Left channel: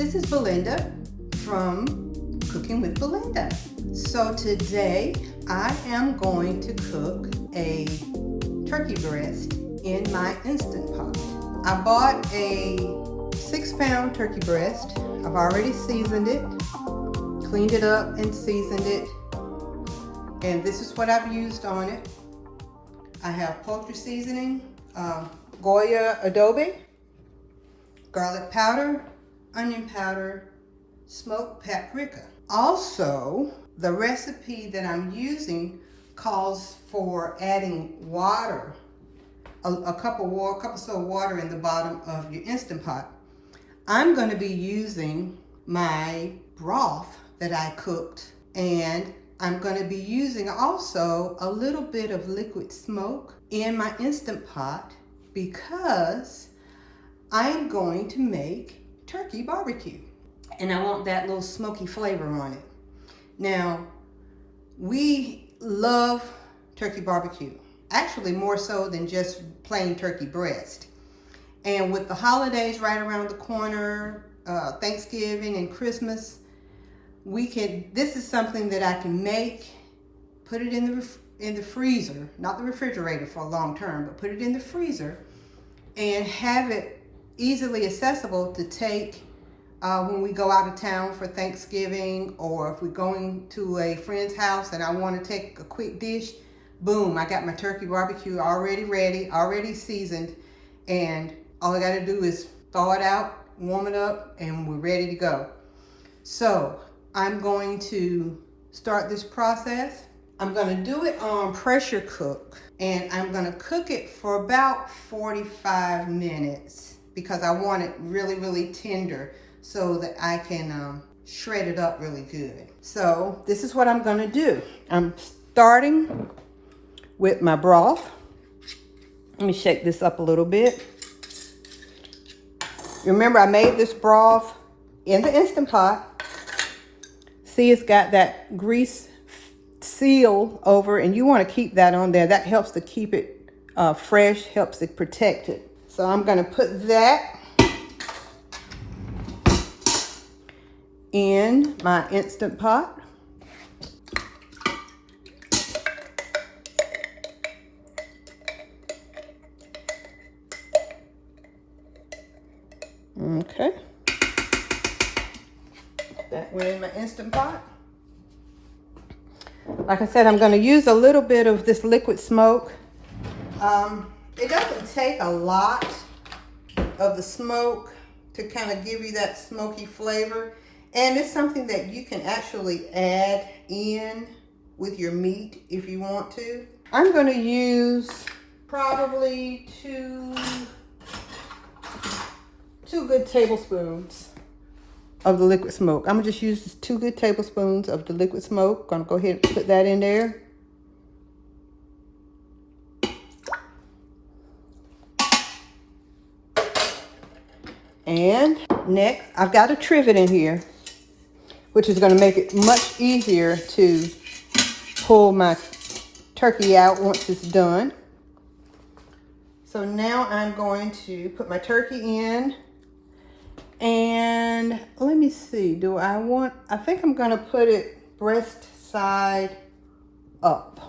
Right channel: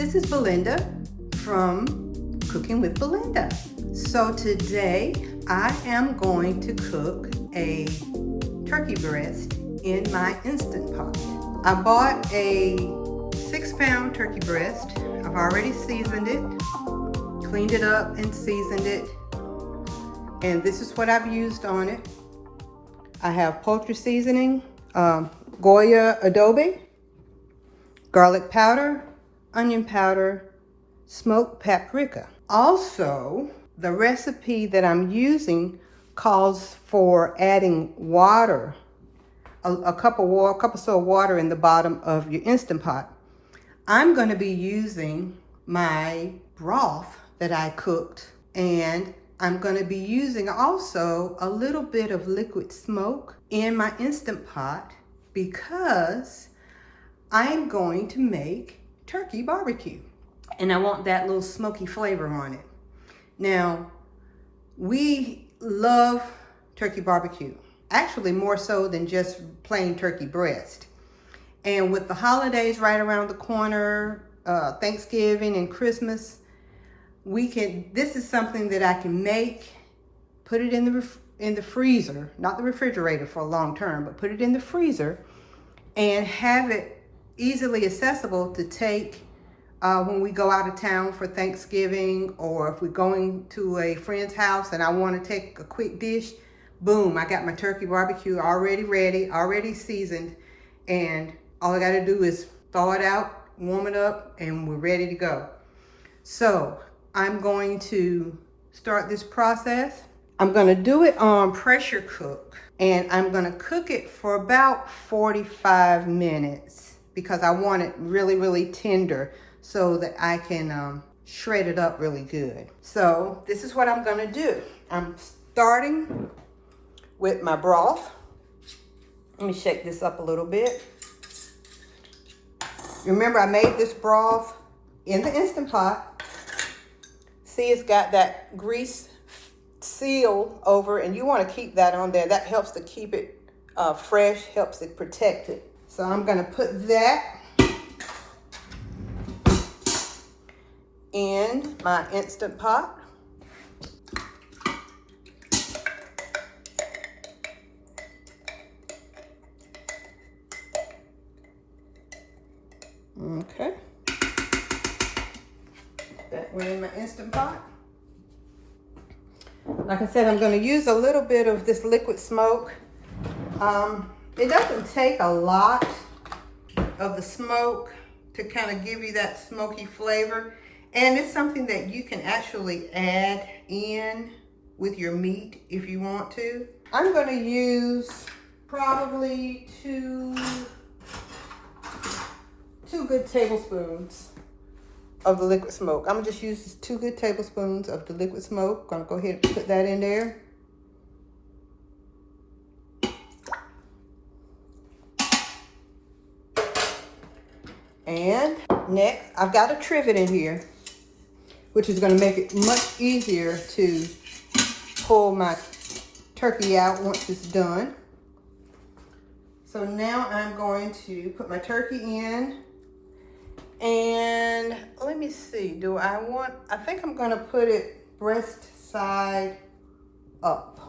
This is Belinda from Cooking with Belinda. So today I am going to cook a turkey breast in my Instant Pot. I bought a 6-pound turkey breast. I've already seasoned it, cleaned it up and seasoned it. And this is what I've used on it. I have poultry seasoning, Goya adobe, garlic powder, onion powder, smoked paprika. Also, the recipe that I'm using calls for adding water, a cup or so of water in the bottom of your Instant Pot. I'm going to be using my broth that I cooked, and I'm going to be using also a little bit of liquid smoke in my Instant Pot because I'm going to make turkey barbecue, and I want that little smoky flavor on it. Now, we love turkey barbecue, actually more so than just plain turkey breast. And with the holidays right around the corner, Thanksgiving and Christmas, this is something that I can make, put it in the freezer, not the refrigerator for a long term, but put it in the freezer and have it easily accessible to take when we go out of town for Thanksgiving, or if we're going to a friend's house and I want to take a quick dish. Boom, I got my turkey barbecue already ready, already seasoned, and all I got to do is thaw it out, warm it up, and we're ready to go. So I'm going to start this process. I'm going to do it on pressure cook, and I'm going to cook it for about 45 minutes because I want it really, really tender so that I can shred it up really good. So this is what I'm going to do. I'm starting with my broth. Let me shake this up a little bit. Remember, I made this broth in the Instant Pot. See, it's got that grease seal over, and you want to keep that on there. That helps to keep it fresh, helps it protect it. So I'm going to put that in my Instant Pot. Okay. That went in my Instant Pot. Like I said, I'm going to use a little bit of this liquid smoke. It doesn't take a lot of the smoke to kind of give you that smoky flavor. And it's something that you can actually add in with your meat if you want to. I'm going to use probably two good tablespoons of the liquid smoke. I'm gonna just use 2 good tablespoons of the liquid smoke. Gonna go ahead and put that in there. And next, I've got a trivet in here, which is gonna make it much easier to pull my turkey out once it's done. So now I'm going to put my turkey in. And let me see, I think I'm gonna put it breast side up.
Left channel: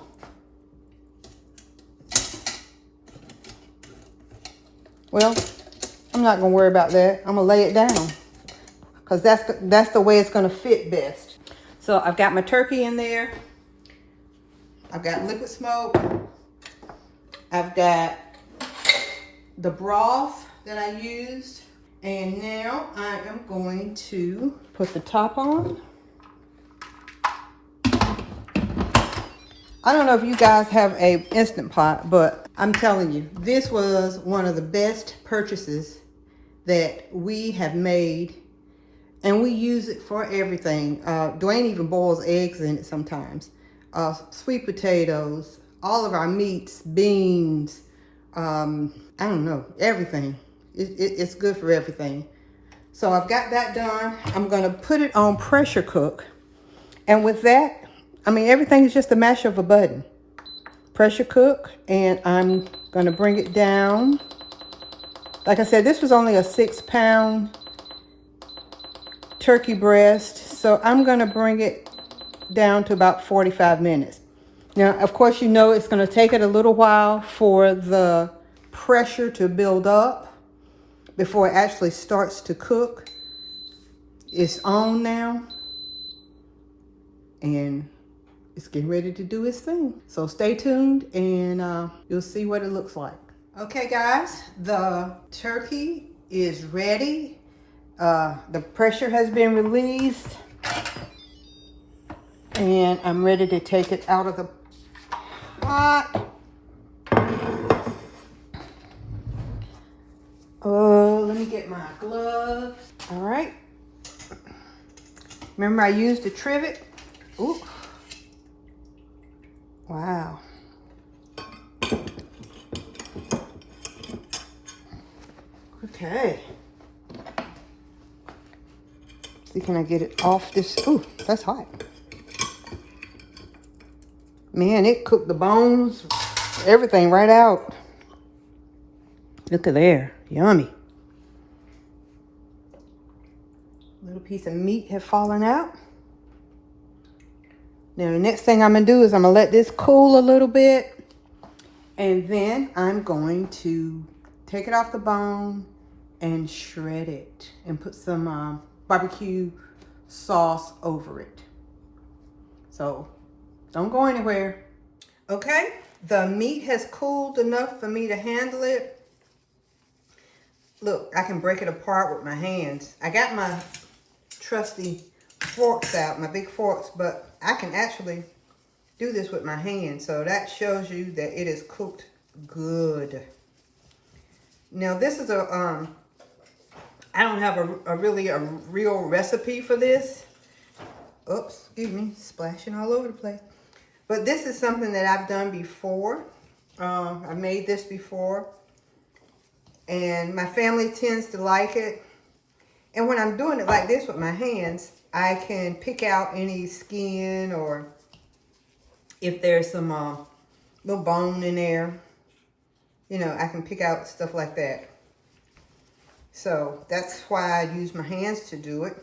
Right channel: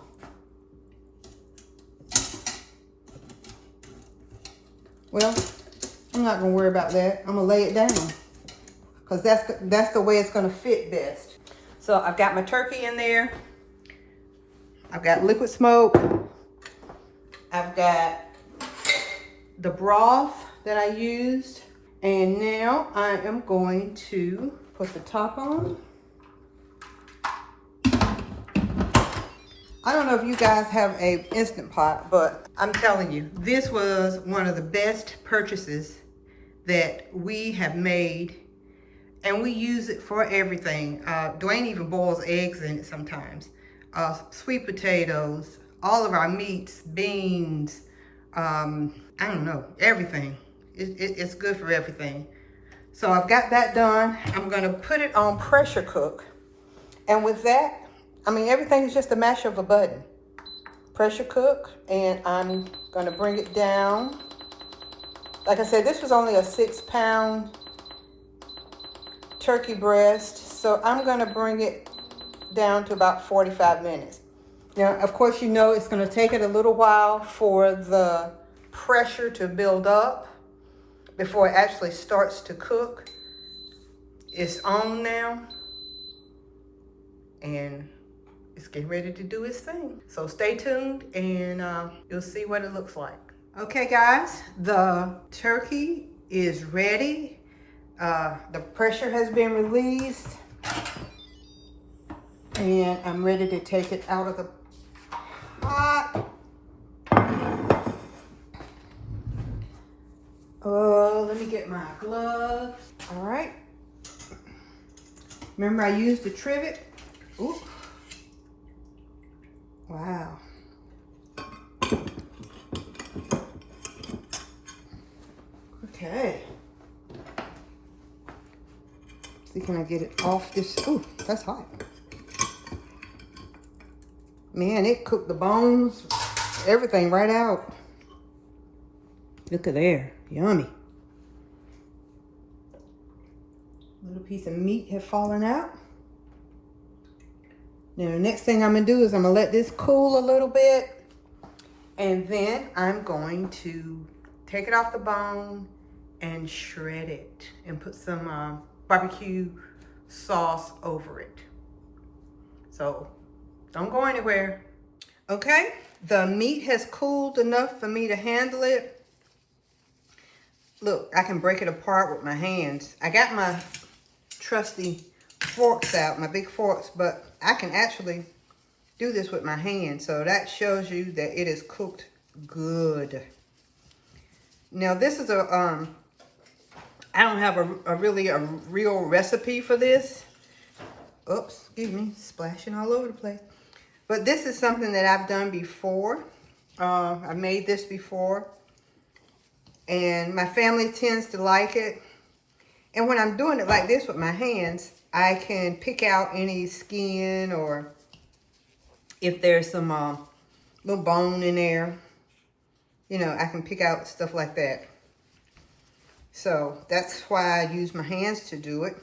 Well, I'm not gonna worry about that. I'm gonna lay it down because that's the way it's gonna fit best. So I've got my turkey in there. I've got liquid smoke. I've got the broth that I used. And now I am going to put the top on. I don't know if you guys have a Instant Pot, but I'm telling you, this was one of the best purchases that we have made, and we use it for everything. Dwayne even boils eggs in it sometimes. Sweet potatoes, all of our meats, beans, I don't know, everything. It's good for everything. So I've got that done. I'm gonna put it on pressure cook. And with that, I mean, everything is just a mash of a button. Pressure cook, and I'm gonna bring it down. Like I said, this was only a 6-pound turkey breast, so I'm gonna bring it down to about 45 minutes. Now, of course, you know it's gonna take it a little while for the pressure to build up before it actually starts to cook. It's on now, and it's getting ready to do its thing. So stay tuned, and you'll see what it looks like. Okay, guys, the turkey is ready. The pressure has been released, and I'm ready to take it out of the pot. Oh, let me get my gloves. All right. Remember I used the trivet? Ooh. Wow. Okay. See, can I get it off this? Ooh, that's hot. Man, it cooked the bones, everything right out. Look at there, yummy. Little piece of meat have fallen out. Now the next thing I'm gonna do is I'm gonna let this cool a little bit, and then I'm going to take it off the bone and shred it and put some barbecue sauce over it. So don't go anywhere. Okay, the meat has cooled enough for me to handle it. Look, I can break it apart with my hands. I got my trusty forks out, my big forks, but I can actually do this with my hands. So that shows you that it is cooked good. Now this is a, I don't have a real recipe for this. Oops, excuse me, splashing all over the place. But this is something that I've done before. I made this before, and my family tends to like it. And when I'm doing it like this with my hands, I can pick out any skin, or if there's some little bone in there, you know, I can pick out stuff like that. So that's why I use my hands to do it.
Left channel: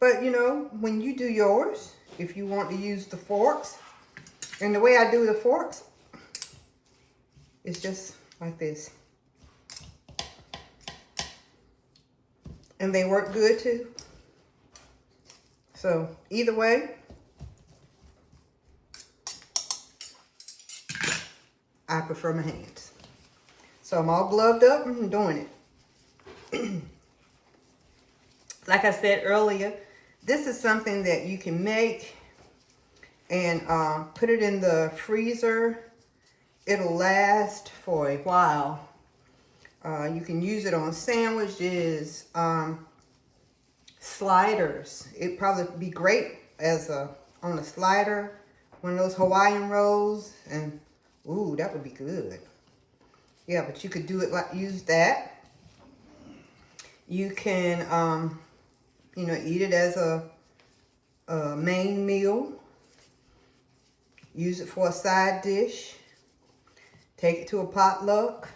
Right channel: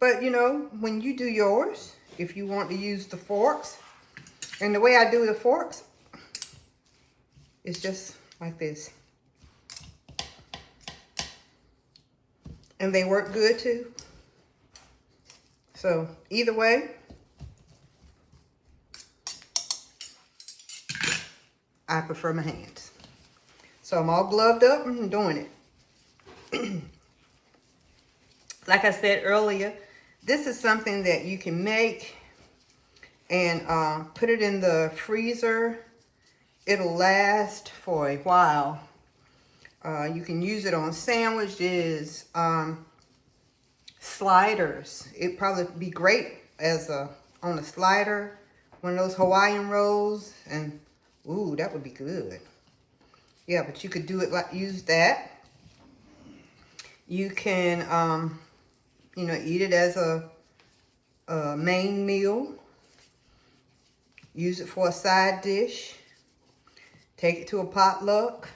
But you know, when you do yours, if you want to use the forks, and the way I do the forks is just like this. And they work good too. So either way, I prefer my hands. So I'm all gloved up and doing it. Like I said earlier, this is something that you can make and put it in the freezer. It'll last for a while. You can use it on sandwiches, sliders. It'd probably be great as on a slider, one of those Hawaiian rolls, and ooh, that would be good. Yeah, but you could do it like, use that. You can, you know, eat it as a main meal. Use it for a side dish. Take it to a potluck.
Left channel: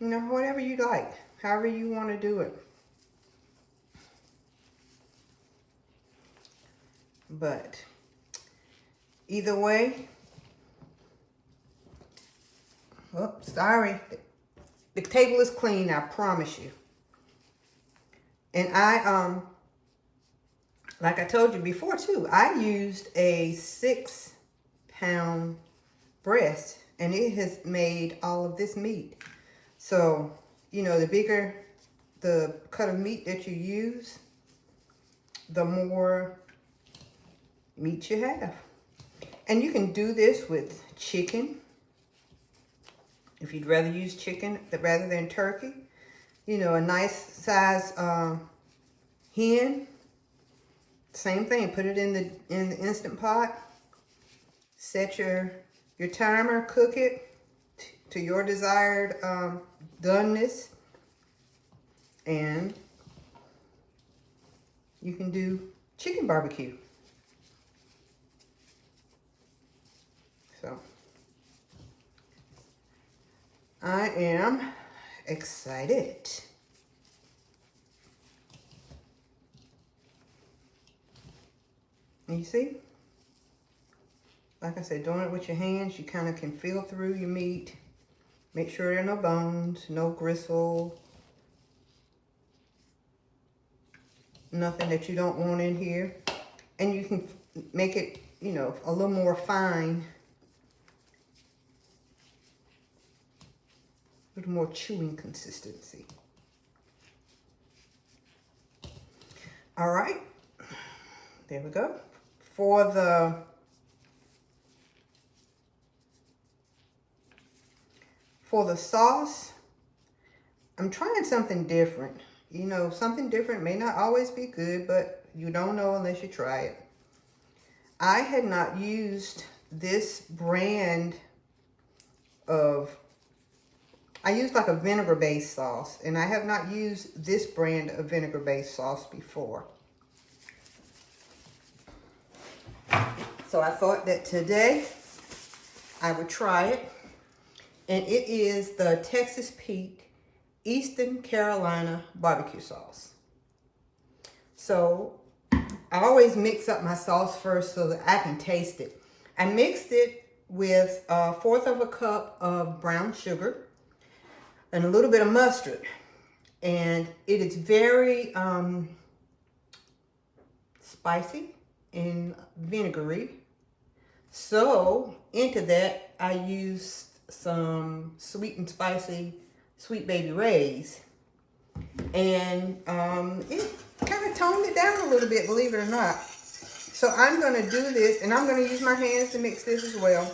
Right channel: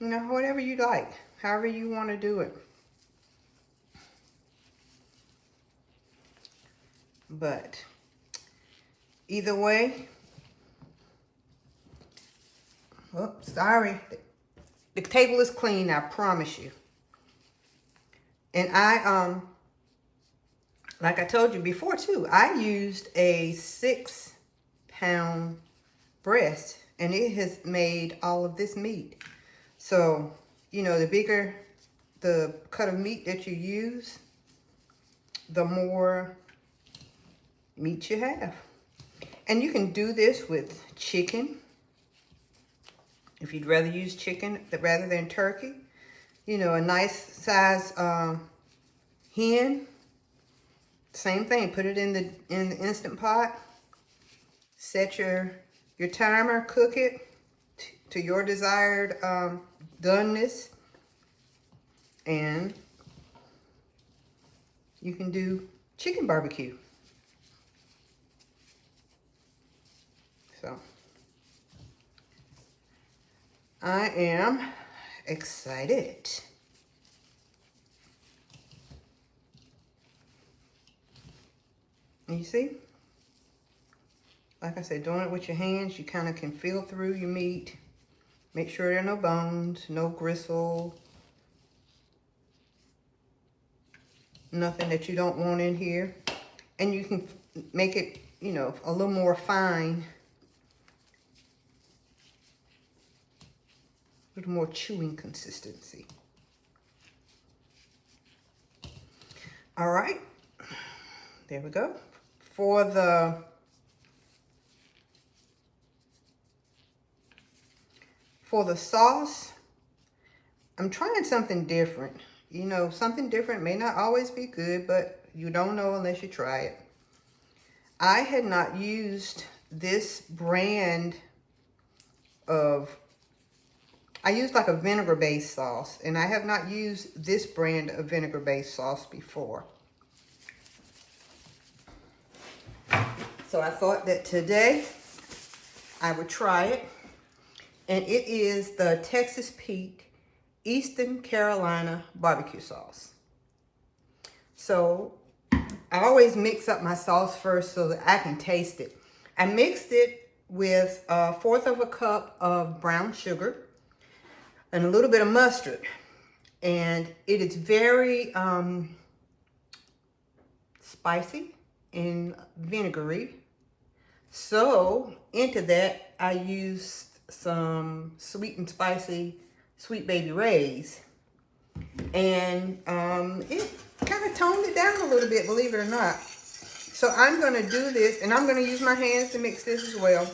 You know, whatever you like, however you want to do it. But either way, oh, sorry. The table is clean, I promise you. And I, like I told you before too, I used a 6-pound breast, and it has made all of this meat. So, you know, the bigger the cut of meat that you use, the more meat you have. And you can do this with chicken, if you'd rather use chicken rather than turkey. You know, a nice size hen, same thing. Put it in the Instant Pot. Set your timer, cook it to your desired doneness, and you can do chicken barbecue. So I am excited. And you see, like I said, doing it with your hands, you kind of can feel through your meat. Make sure there are no bones, no gristle, nothing that you don't want in here. And you can make it, you know, a little more fine, a little more chewing consistency. All right, there we go. For the sauce, I'm trying something different. You know, something different may not always be good, but you don't know unless you try it. I had not used this brand of, I used like a vinegar-based sauce, and I have not used this brand of vinegar-based sauce before. So I thought that today I would try it. And it is the Texas Pete Eastern Carolina barbecue sauce. So I always mix up my sauce first so that I can taste it. I mixed it with 1/4 of a cup of brown sugar and a little bit of mustard. And it is very spicy and vinegary. So into that, I used some sweet and spicy Sweet Baby Ray's, and it kind of toned it down a little bit, believe it or not. So I'm going to do this, and I'm going to use my hands to mix this as well.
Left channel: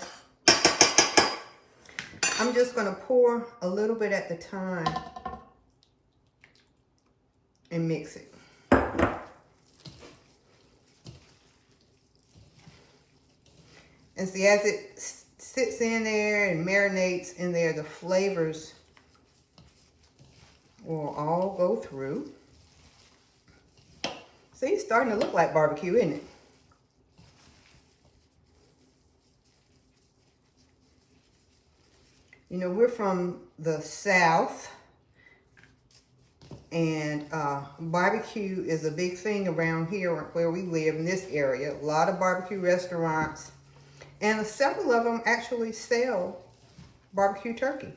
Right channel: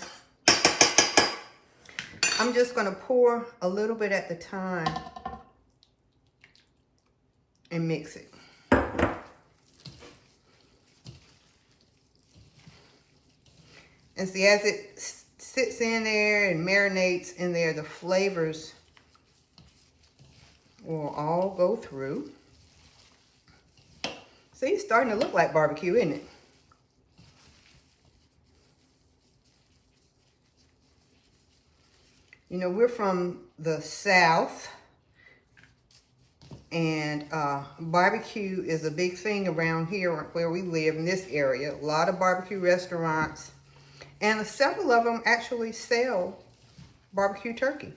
I'm just going to pour a little bit at the time and mix it. And see, as it sits in there and marinates in there, the flavors will all go through. See, it's starting to look like barbecue, isn't it? You know, we're from the South, and barbecue is a big thing around here where we live in this area. A lot of barbecue restaurants. And several of them actually sell barbecue turkey.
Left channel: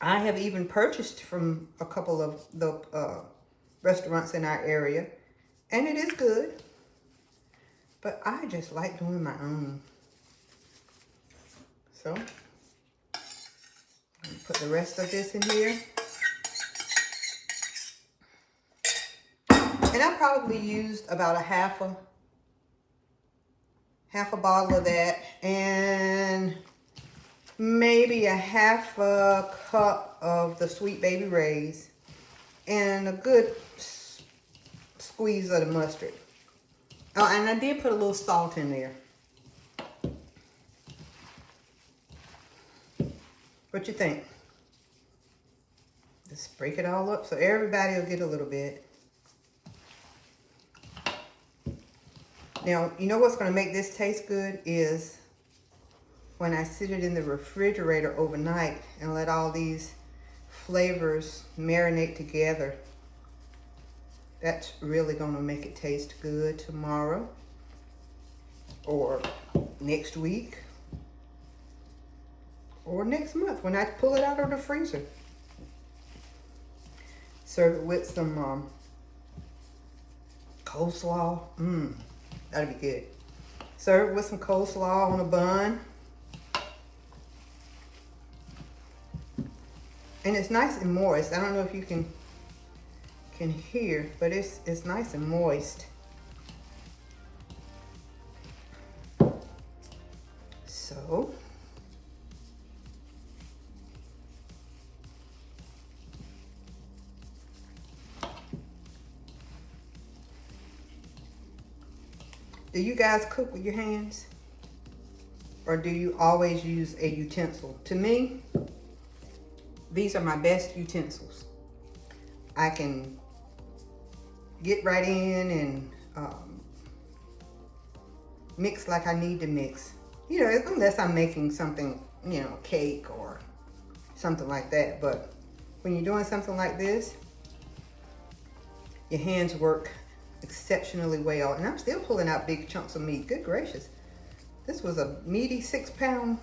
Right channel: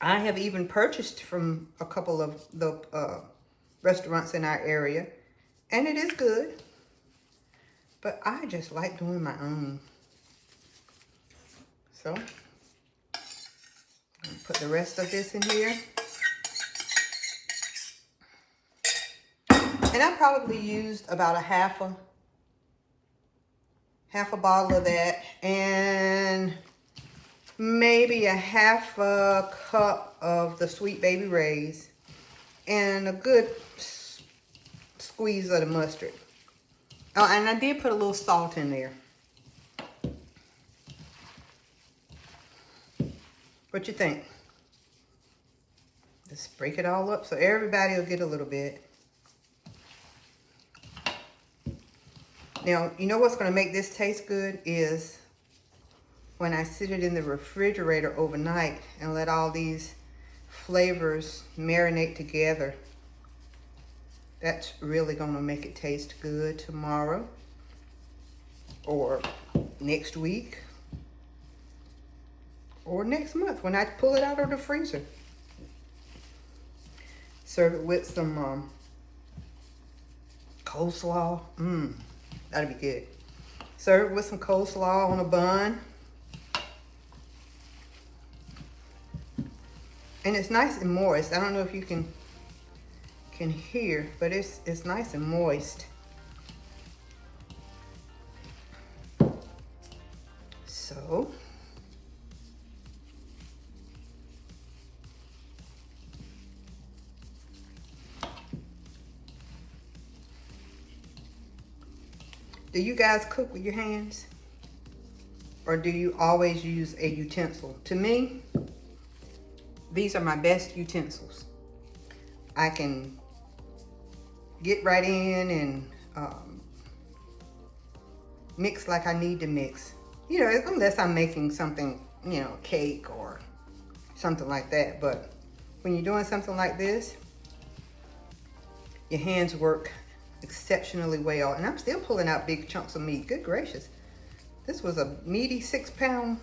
I have even purchased from a couple of the restaurants in our area, and it is good. But I just like doing my own. So, I'm gonna put the rest of this in here. And I probably used about a half a bottle of that, and maybe a half a cup of the Sweet Baby Ray's, and a good squeeze of the mustard. Oh, and I did put a little salt in there. What you think? Just break it all up so everybody will get a little bit. Now, you know what's going to make this taste good is when I sit it in the refrigerator overnight and let all these flavors marinate together. That's really going to make it taste good tomorrow or next week or next month when I pull it out of the freezer. Serve it with some coleslaw. That'd be good. Serve it with some coleslaw on a bun. And it's nice and moist. I don't know if you can hear, but it's nice and moist. So, do you guys cook with your hands? Or do you always use a utensil? To me, these are my best utensils. I can get right in and mix like I need to mix. You know, unless I'm making something, you know, cake or something like that. But when you're doing something like this, your hands work exceptionally well. And I'm still pulling out big chunks of meat. Good gracious. This was a meaty 6-pound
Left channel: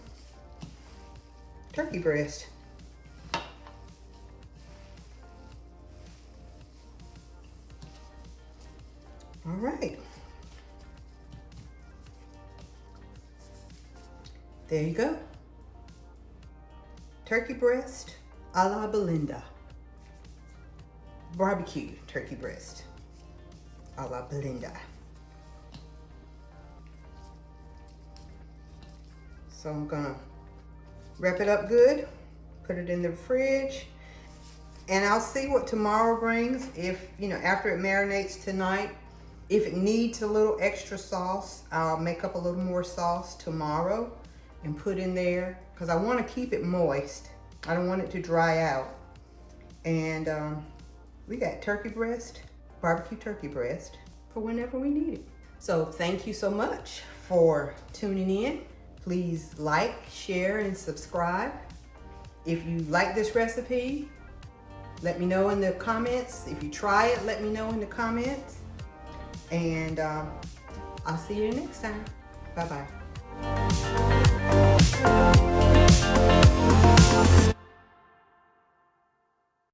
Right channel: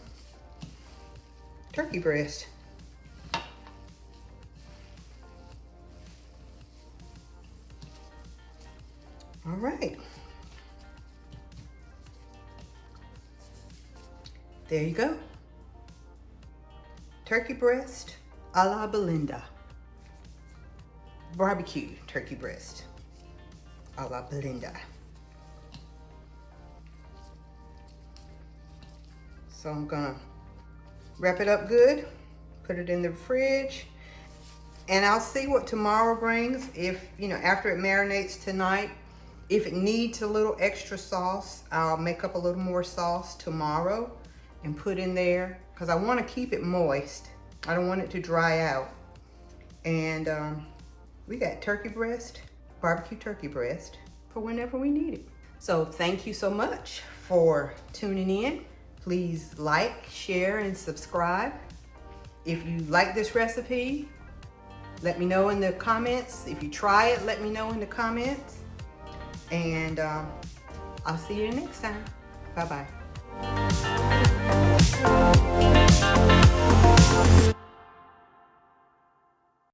turkey breast. All right. There you go. Turkey breast a la Belinda. Barbecue turkey breast a la Belinda. So I'm gonna wrap it up good, put it in the fridge, and I'll see what tomorrow brings. If, you know, after it marinates tonight, if it needs a little extra sauce, I'll make up a little more sauce tomorrow and put in there, because I want to keep it moist. I don't want it to dry out. And we got turkey breast, barbecue turkey breast, for whenever we need it. So thank you so much for tuning in. Please like, share, and subscribe. If you like this recipe, let me know in the comments. If you try it, let me know in the comments. And I'll see you next time. Bye-bye.